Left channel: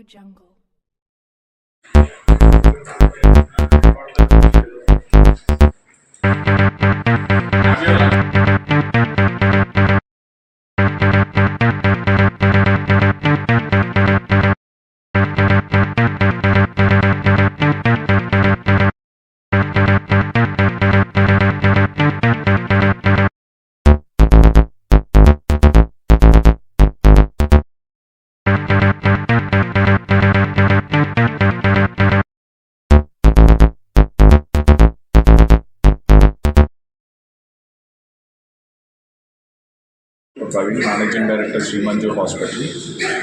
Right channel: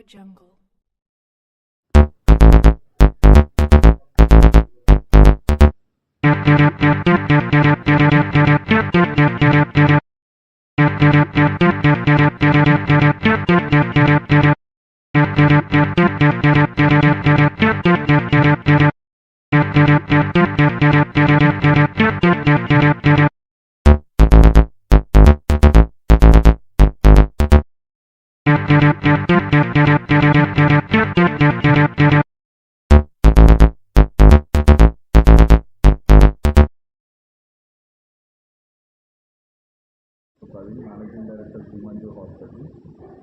AudioJungle. Praveen, managing director Srimanju hospital.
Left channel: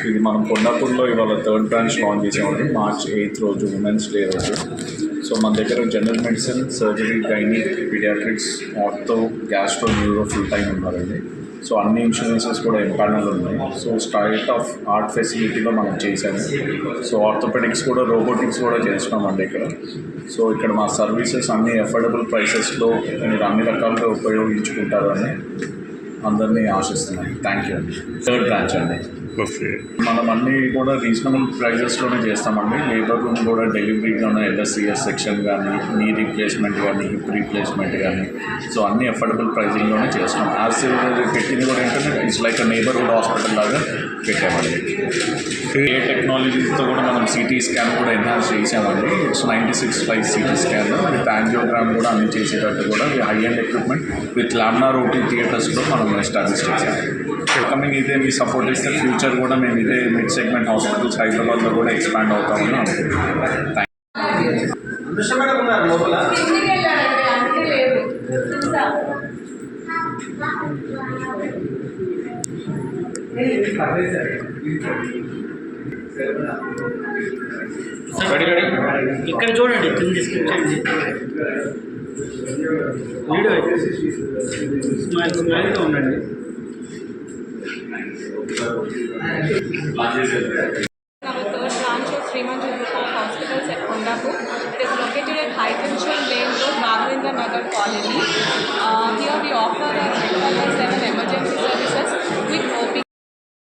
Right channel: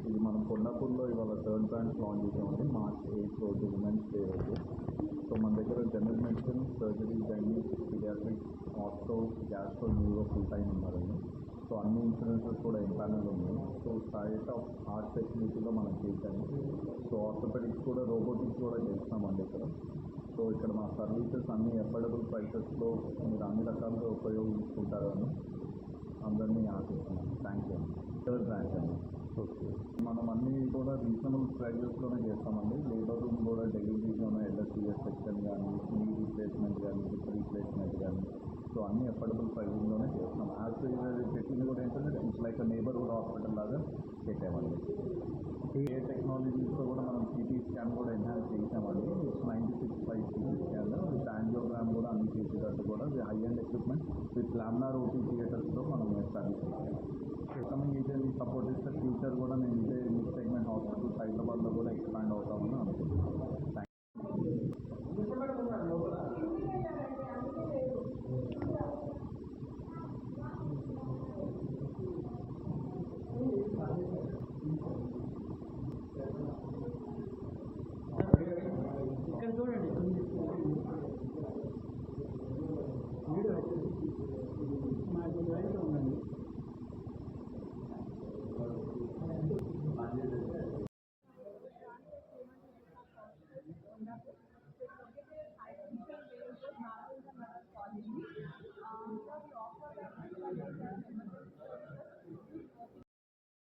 ఇది మనం కొండాపూర్లో ఇవాళ థర్డ్ బ్రాంచ్ లాంచ్ చేసామండి. మార్చ్ 8 రోజు, ఉమెన్స్ డే రోజు. సో మన దగ్గర general medicine, surgery, gynaec, paediatrics, ortho, gastro, neuro full time ఉన్నారండి. సో అన్ని ఇన్సూరెన్సెస్ కూడా ఎంపానల్ ఉన్నాయి. సో స్టైట్ ఆఫ్ ఆర్ట్ ఫెసిలిటీలో మనం చేసాము. సో ఆర్థోపెడిక్స్ కూడా, రోబోటిక్స్ కూడా చేస్తున్నామండి ఇక్కడ. సో ఇక్కడ మా సర్వీసెస్ అన్ని అఫోర్డబుల్ ప్రైసెస్లో మీరు అన్ని రకాలుగా ఉపయోగించుకుంటారని అందరినీ ఆశిస్తున్నాను. థ్యాంక్ యూ అండి. థర్డ్ బ్రాంచ్ అండి. ఓకే, మనం అన్నీ కూడా రీజనబుల్ ప్రైజెస్లోనే చేస్తామండి. లేబర్ రూమ్ కూడా డెలివరీలోనే ఎల్ఎస్సిఎస్ సెక్షన్ కానీ, నీ రీప్లేస్మెంట్ కానీ, హిప్ రీప్లేస్మెంట్ కానీ, సో అన్నీ అఫోర్డబుల్ ప్రైజింగ్లోనే చేస్తున్నాం. యాజ్ పెట్టింది కూడా ఏంటంటే ఇట్స్ లైక్ నేబర్హుడ్ హాస్పిటల్ లాగా పెట్టామండి. ఏ టెక్నాలజీతో కూడా మనం సిటీ స్కాన్ కూడా ఎన్హాన్స్ చేసామండి. ఇట్స్ 96/5 సిటీ స్కాన్ విత్ యాంజియోగ్రామ్ కూడా అన్ని చేసేటట్టు కూడా high and equipment with laminar OT థియేటర్స్లో మనం ఎస్టాబ్లిష్ చేసాము. కమింగ్ ఇదే మీ సపోర్ట్ ఇస్తే ఫ్యూచర్ కూడా మేము ఇదే మిడ్ సెగ్మెంట్ హాస్పిటల్స్ హైదరాబాద్లో కూడా ఎక్స్పాండ్ అవుతామని అనుకుంటున్నాం. ఇక్కడ చూడండి, కింద స్క్రిప్ట్ వీడియో స్మైల్గా ఉండండి. Our third branch of Srimanju Group of Hospitals at Kondapur. It is located at Hypertension Lane Road, Mahavendra Nagar Colony. Here we offer as well as